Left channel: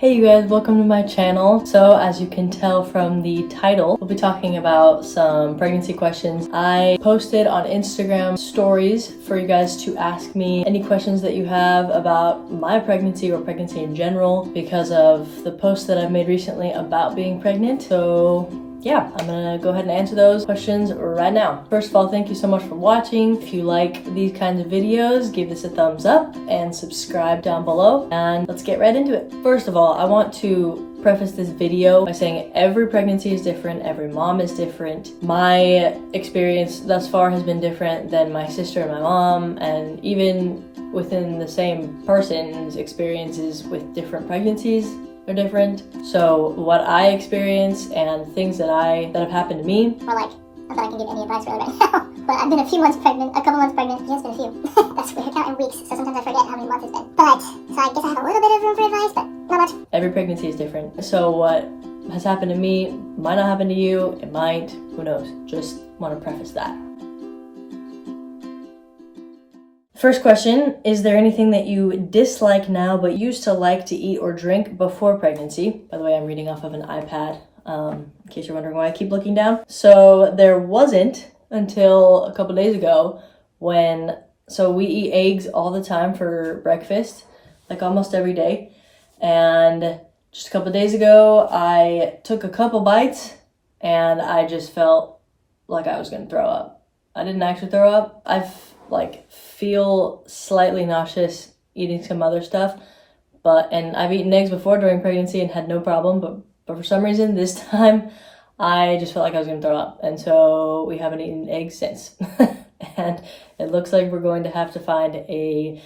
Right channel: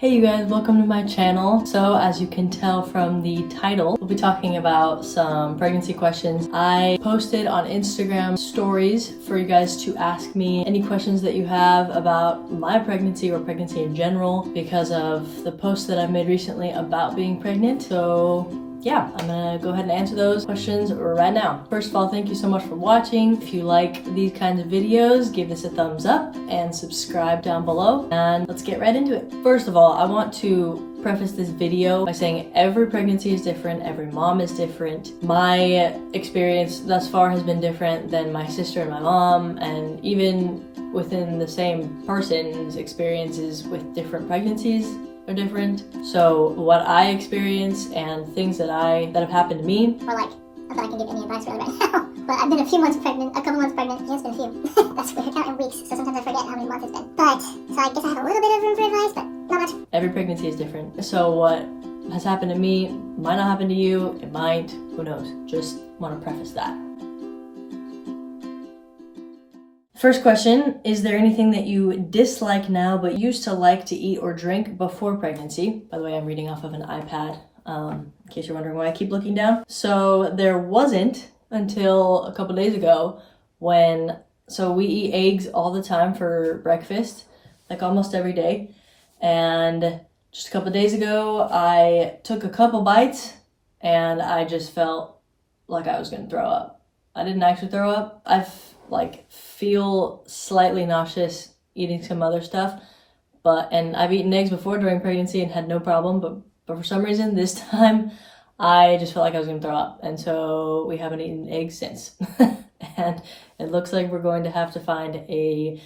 Hey you guys, welcome to my channel. So as you can tell from the title, we'll be talking about some pregnancy questions. I posted on Instagram stories for you guys to ask me any questions that you have about my pregnancy or pregnancy in general because of the post that I've made recently about being pregnant. So yeah, I'm gonna go ahead and answer those questions right now. First of all, thank you so much for watching. If you like these kinds of videos, give this a thumbs up and subscribe down below, and let's get right into it. First of all, I want to preface this video by saying every pregnancy is different, every mom is different. My experience thus far has been different than my sister and my mom, and even within the same person's experiences with different pregnancies are different. So what I experience and things that have happened to me, or like, not that I can give any advice really right now, but I've been a couple months pregnant, it's been a few. That's weird, counting weeks, so sometimes I forget how many months it's been. But, so I guess I have a little bit of room for advice, but not much. Every pregnancy is different. So what has happened to me might not happen to you, it might, who knows. Just want to preface that. First question, is there anything that you dislike now but used to like to eat or drink before pregnancy? By the way, I'm reading off of an iPad, in case you're wondering why I keep looking down. So there wasn't until a couple days ago so we eat eggs all the time for breakfast, like almost every day. And just a couple days ago, I took a couple bites and I just felt like I was gonna throw up. I didn't actually throw up. Feel slightly nauseous eating some other stuff, and I've eaten eggs before during pregnancy and had no problem, but for some reason this time I just felt like I was gonna throw up, and so we haven't eaten eggs since. And it looks like we're going to have to find a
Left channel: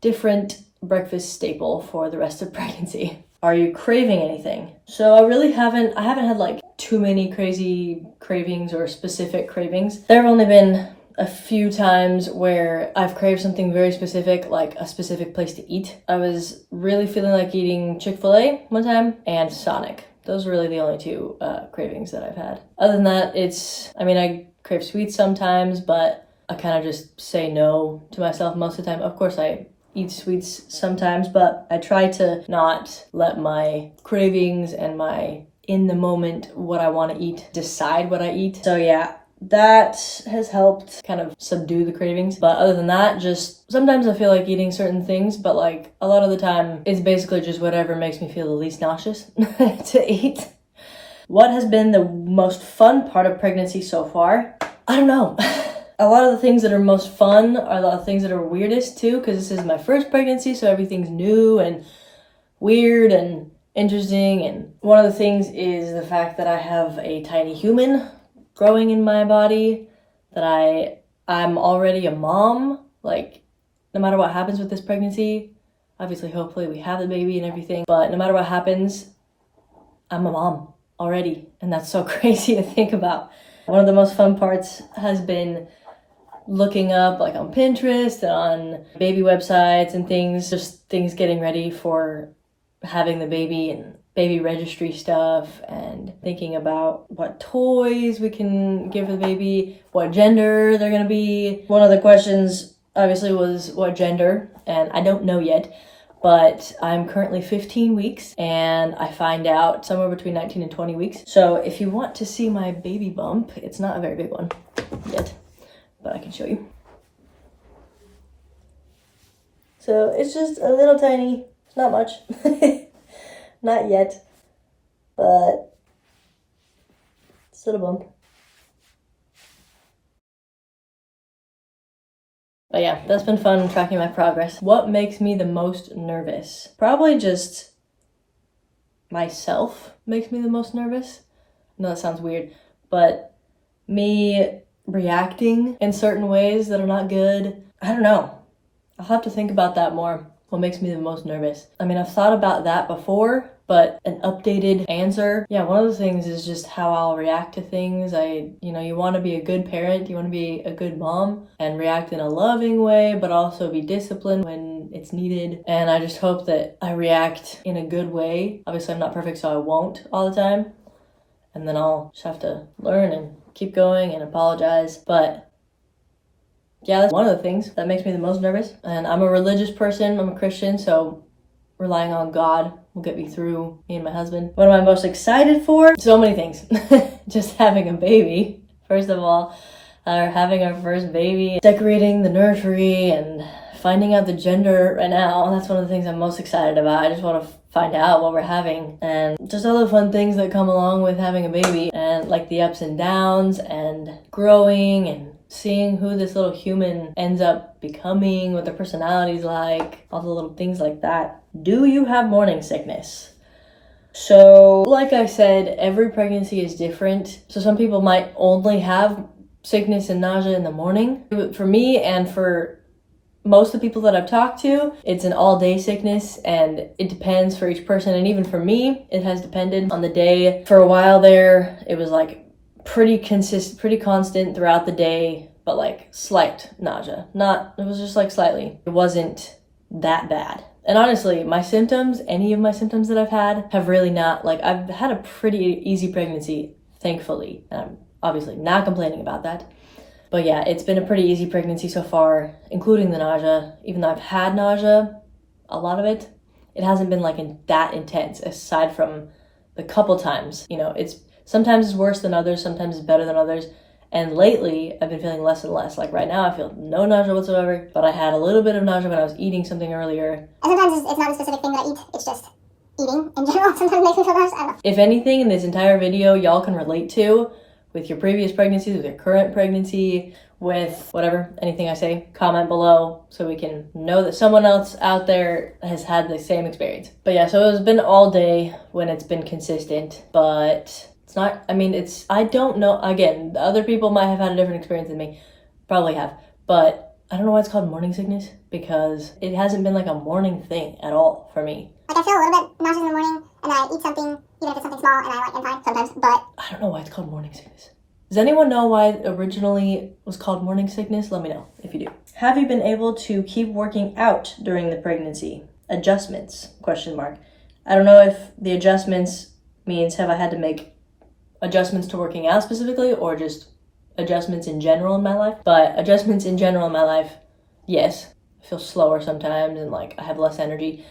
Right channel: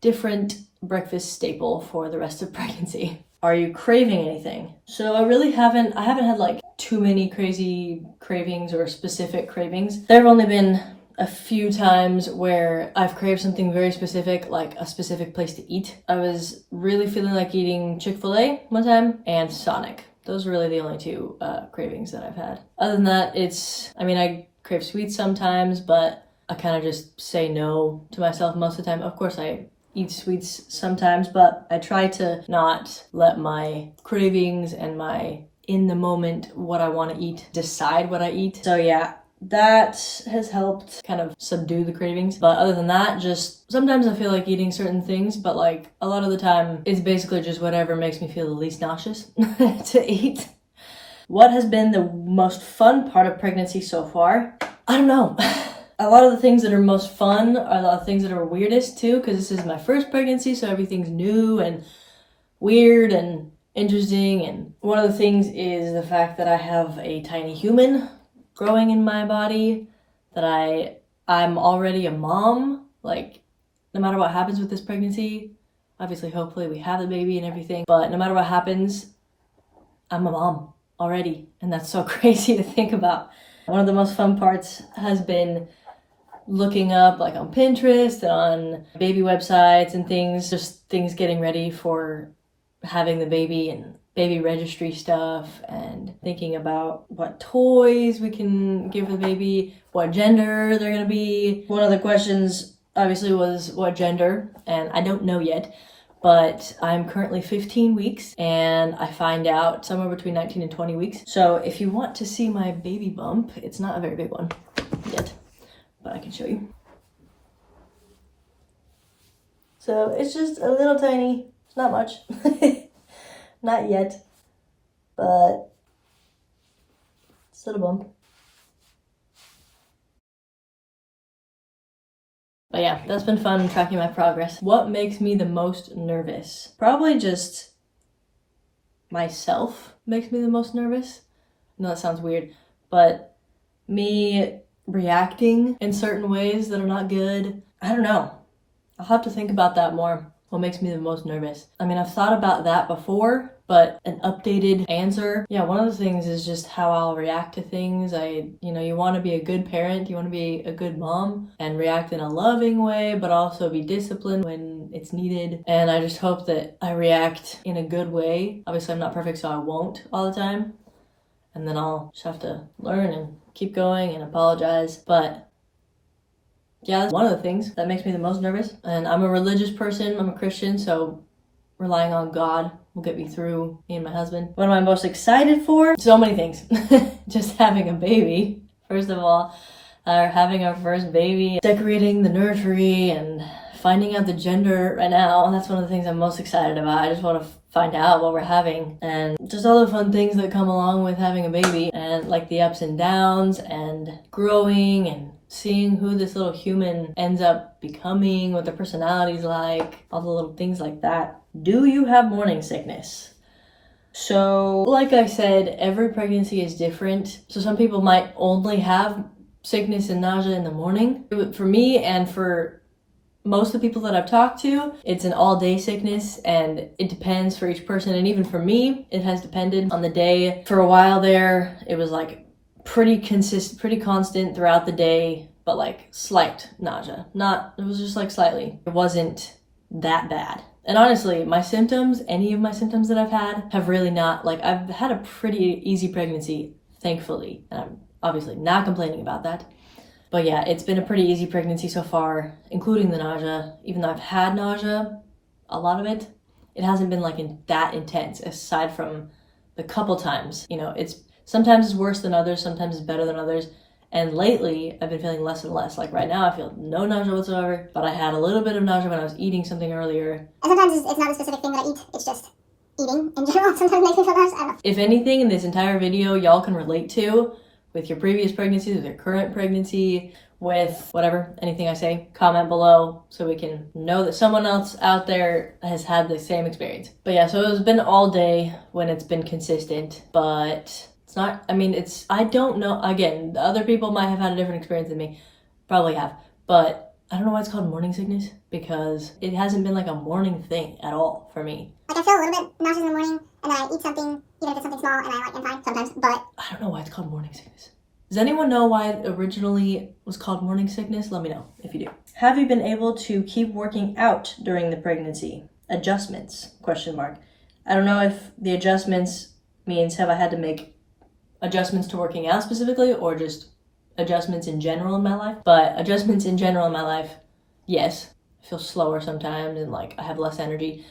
different breakfast staple for the rest of pregnancy. Are you craving anything? So I haven't had like too many crazy cravings or specific cravings. There have only been a few times where I've craved something very specific, like a specific place to eat. I was really feeling like eating Chick-fil-A one time and Sonic. Those are really the only two cravings that I've had. Other than that, I crave sweets sometimes, but I kind of just say no to myself most of the time. Of course, I eat sweets sometimes, but I try to not let my cravings and my in the moment what I want to eat decide what I eat. So yeah, that has helped kind of subdue the cravings. But other than that, just sometimes I feel like eating certain things, but like a lot of the time it's basically just whatever makes me feel the least nauseous to eat. What has been the most fun part of pregnancy so far? I don't know. A lot of the things that are most fun are the things that are weirdest too, because this is my first pregnancy, so everything's new and weird and interesting. And one of the things is the fact that I have a tiny human growing in my body, that I'm already a mom. Like, no matter what happens with this pregnancy, obviously hopefully we have the baby and everything, but no matter what happens, I'm a mom already, and that's so crazy to think about. One of the most fun parts has been looking up like on Pinterest and on baby websites and things, just things getting ready for having the baby and baby registry stuff, and thinking about what toys we can give the baby, what gender they're gonna be. One of the questions obviously was what gender, and I don't know yet, but I'm currently 15 weeks and I find out somewhere between 19 and 20 weeks. So if you want to see my baby bump, it's not a very big one yet, but I can show you. So it's just a little tiny, it's not much. Not yet, but still a bump. But yeah, that's been fun tracking my progress. What makes me the most nervous? Probably just myself makes me the most nervous. I know that sounds weird, but me reacting in certain ways that are not good. I don't know. I'll have to think about that more. What makes me the most nervous? I mean, I've thought about that before, but an updated answer. Yeah, one of the things is just how I'll react to things. You want to be a good parent, you want to be a good mom and react in a loving way, but also be disciplined when it's needed. And I just hope that I react in a good way. Obviously, I'm not perfect, so I won't all the time. And then I'll just have to learn and keep going and apologize. But yeah, that's one of the things that makes me the most nervous. And I'm a religious person, I'm a Christian, so relying on God will get me through, me and my husband. What am I most excited for? So many things. Just having a baby, first of all. Having our first baby, decorating the nursery, and finding out the gender right now. That's one of the things I'm most excited about. I just want to find out what we're having, and just all the fun things that come along with having a baby, and like the ups and downs, and growing, and seeing who this little human ends up becoming, what their personality's like, all the little things like that. Do you have morning sickness? So, like I said, every pregnancy is different. So some people might only have sickness and nausea in the morning. For me and for most of the people that I've talked to, it's an all-day sickness, and it depends for each person. And even for me, it has depended on the day. For a while there, it was like pretty constant throughout the day, but like slight nausea. It was just like slightly. It wasn't that bad. And honestly, any of my symptoms that I've had have really not, like, I've had a pretty easy pregnancy, thankfully. And I'm obviously not complaining about that. But yeah, it's been a pretty easy pregnancy so far, including the nausea. Even though I've had nausea, a lot of it hasn't been like that intense, aside from the couple times. You know, sometimes it's worse than others, sometimes it's better than others. And lately, I've been feeling less and less. Like right now, I feel no nausea whatsoever, but I had a little bit of nausea when I was eating something earlier. And sometimes it's not a specific thing that I eat, it's just eating in general. Sometimes makes me feel nauseous, I don't know. If anything in this entire video y'all can relate to, with your previous pregnancies, with your current pregnancy, with whatever, anything I say, comment below so we can know that someone else out there has had the same experience. But yeah, so it's been all day when it's been consistent, but it's not, I don't know, again, the other people might have had a different experience than me, probably have, but I don't know why it's called morning sickness, because it hasn't been like a morning thing at all for me. Like I feel a little bit nauseous in the morning, and then I eat something, even if it's something small, and I am fine sometimes, but I don't know why it's called morning sickness. Does anyone know why it originally was called morning sickness? Let me know if you do. Have you been able to keep working out during the pregnancy? Adjustments, ? I don't know if the adjustments means have I had to make adjustments to working out specifically, or just adjustments in general in my life. But adjustments in general in my life, yes. I feel slower sometimes and like I have less energy.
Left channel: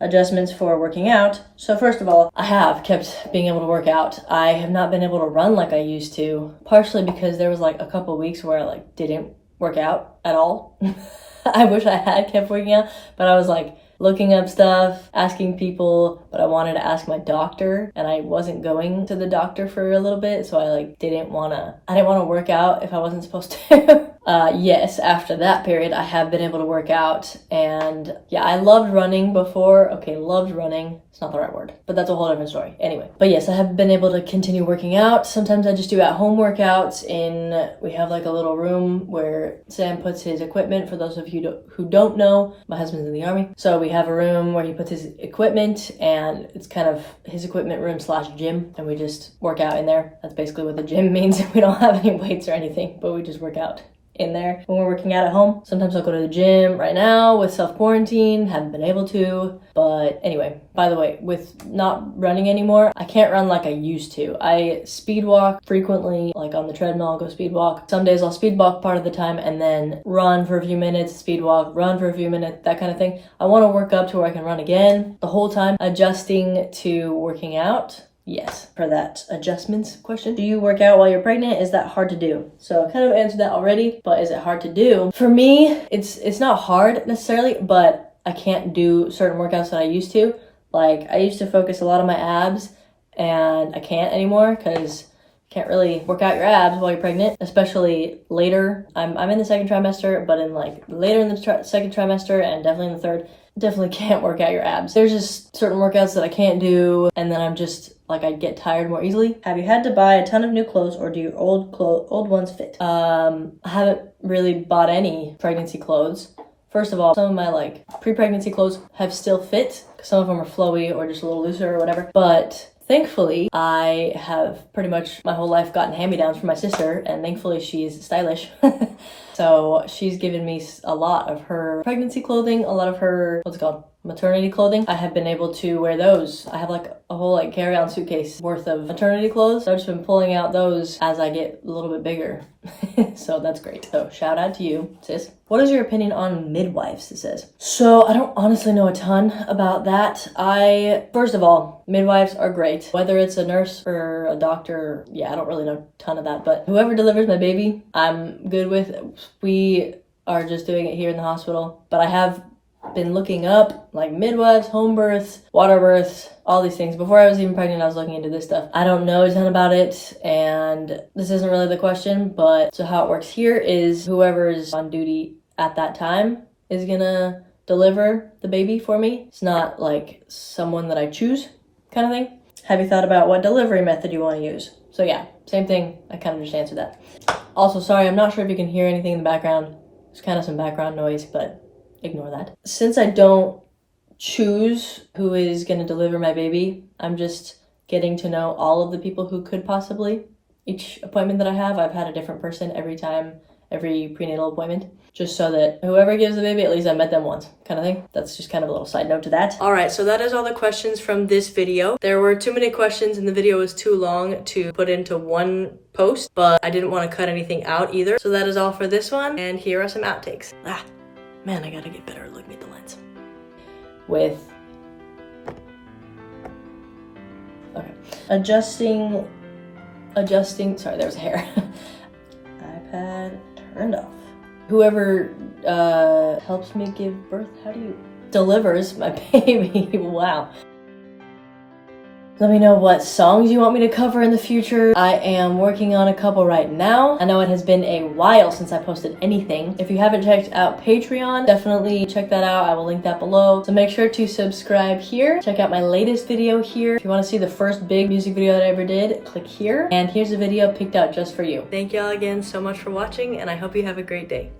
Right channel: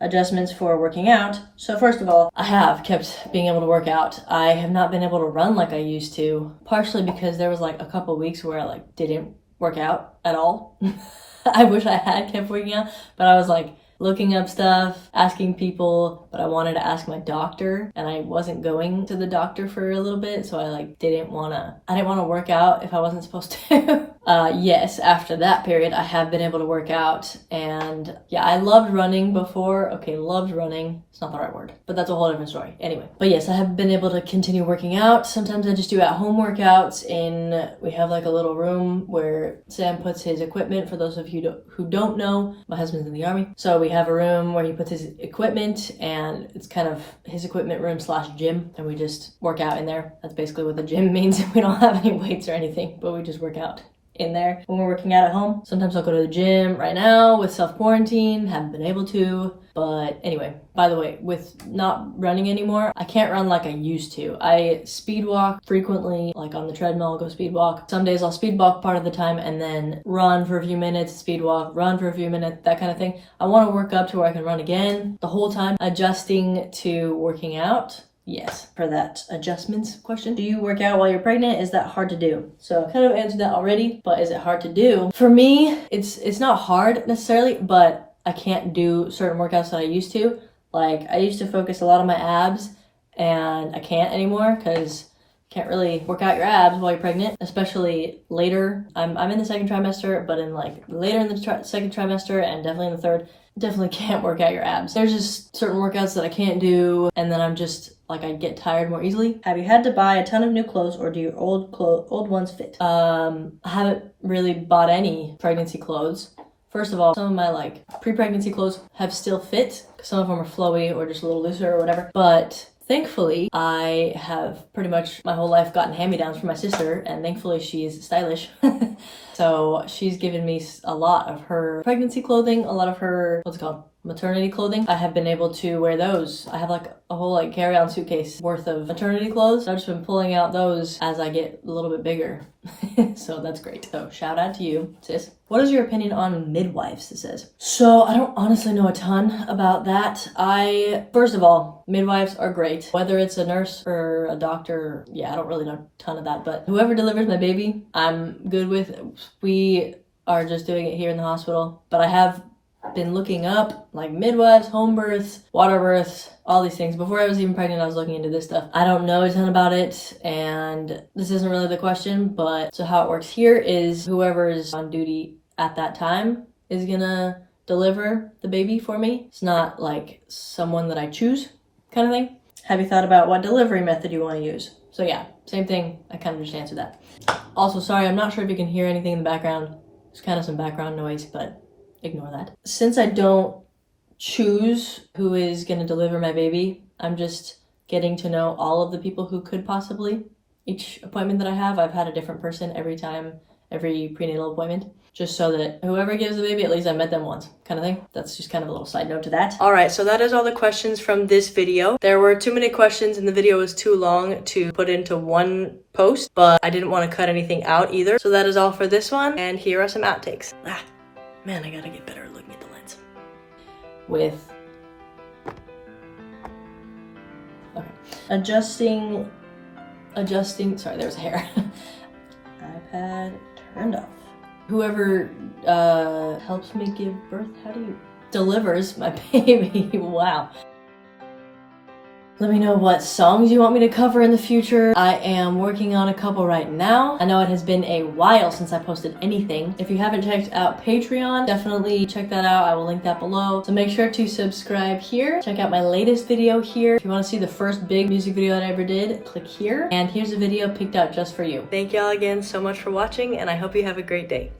Adjustments for working out. So first of all, I have kept being able to work out. I have not been able to run like I used to, partially because there was like a couple weeks where I like didn't work out at all. I wish I had kept working out, but I was like looking up stuff, asking people, but I wanted to ask my doctor, and I wasn't going to the doctor for a little bit, so I didn't want to work out if I wasn't supposed to. Yes, after that period, I have been able to work out, and yeah, I loved running before. Okay, loved running. It's not the right word, but that's a whole different story. Anyway, but yes, I have been able to continue working out. Sometimes I just do at-home workouts we have like a little room where Sam puts his equipment. For those of you who don't know, my husband's in the Army, so we have a room where he puts his equipment, and it's kind of his equipment room / gym, and we just work out in there. That's basically what the gym means. We don't have any weights or anything, but we just work out in there when we're working out at home. Sometimes I'll go to the gym. Right now with self-quarantine, haven't been able to, but anyway, by the way, with not running anymore, I can't run like I used to. I speed walk frequently, like on the treadmill. I'll go speed walk. Some days I'll speed walk part of the time and then run for a few minutes, speed walk, run for a few minutes, that kind of thing. I want to work up to where I can run again. The whole time adjusting to working out. Yes, for that adjustments question. Do you work out while you're pregnant? Is that hard to do? So I kind of answered that already, but is it hard to do? For me, it's not hard necessarily, but I can't do certain workouts that I used to. Like I used to focus a lot on my abs, and I can't anymore because you can't really work out your abs while you're pregnant, especially later. I'm in the second trimester, but in like later in the second trimester and definitely in the third, definitely can't work out your abs. There's just certain workouts that I can't do, and then I'm just like I get tired more easily. Have you had to buy a ton of new clothes, or do your old ones fit? I haven't really bought any pregnancy clothes. First of all, some of my like pre-pregnancy clothes have still fit. Some of them are flowy or just a little looser or whatever. But thankfully, I have pretty much my whole life gotten hand-me-downs from my sister, and thankfully she is stylish. So she's given me a lot of her pregnancy clothing, a lot of her, maternity clothing, I have been able to wear those. I have like a whole like carry-on suitcase worth of maternity clothes. So I've just been pulling out those as I get a little bit bigger. So that's great. So shout out to you, sis. What is your opinion on midwives, it says? So I don't honestly know a ton about that. First of all, midwives are great. Whether it's a nurse or a doctor, yeah, I don't really know a ton of that, but whoever delivers my baby, I'm good with. We are just doing it here in the hospital, but I have been looking up like midwives, home births, water births, all these things. Before I was even pregnant, I was looking into this stuff. I don't know a ton about it, and this isn't really the question, but so how it works here is whoever is on duty at that time is gonna deliver the baby for me. It's not like someone that I choose kind of thing. Have you thought about what delivery method you want to use? So yeah, same thing. I kind of just answered that. Also, sorry, I'm not sure if you can hear anything in the background. There's kind of some background noise, but ignore that. Since I don't choose who is going to deliver my baby, I'm just getting to know all of the people who could possibly. Each appointment that I have, I've had a different person every time, every prenatal appointment, just so that whoever gives the baby, at least I met them once, kind of thing. That's just kind of a little side note to that. All right, so that is all the questions from this video. There were too many questions and the video was too long to put into one post, but I didn't want to cut anything out either. So that is all for this one, and here are some outtakes. Man, I gotta get better at looking at the lens. Okay. Adjusting, sorry, there was hair. iPad turned off. Whoever helps me give birth, delivers my baby, wow. Let me know what songs you want me to cover in the future. I am working on a couple right now. I know it has been a while since I posted anything. If you haven't checked out Patreon, definitely check that out. I will link that below. So make sure to subscribe here. Check out my latest video here. If you want to see the first big music video that I ever did, click here. And here's a video picked out just for you. Thank y'all again so much for watching, and I hope you have a great day.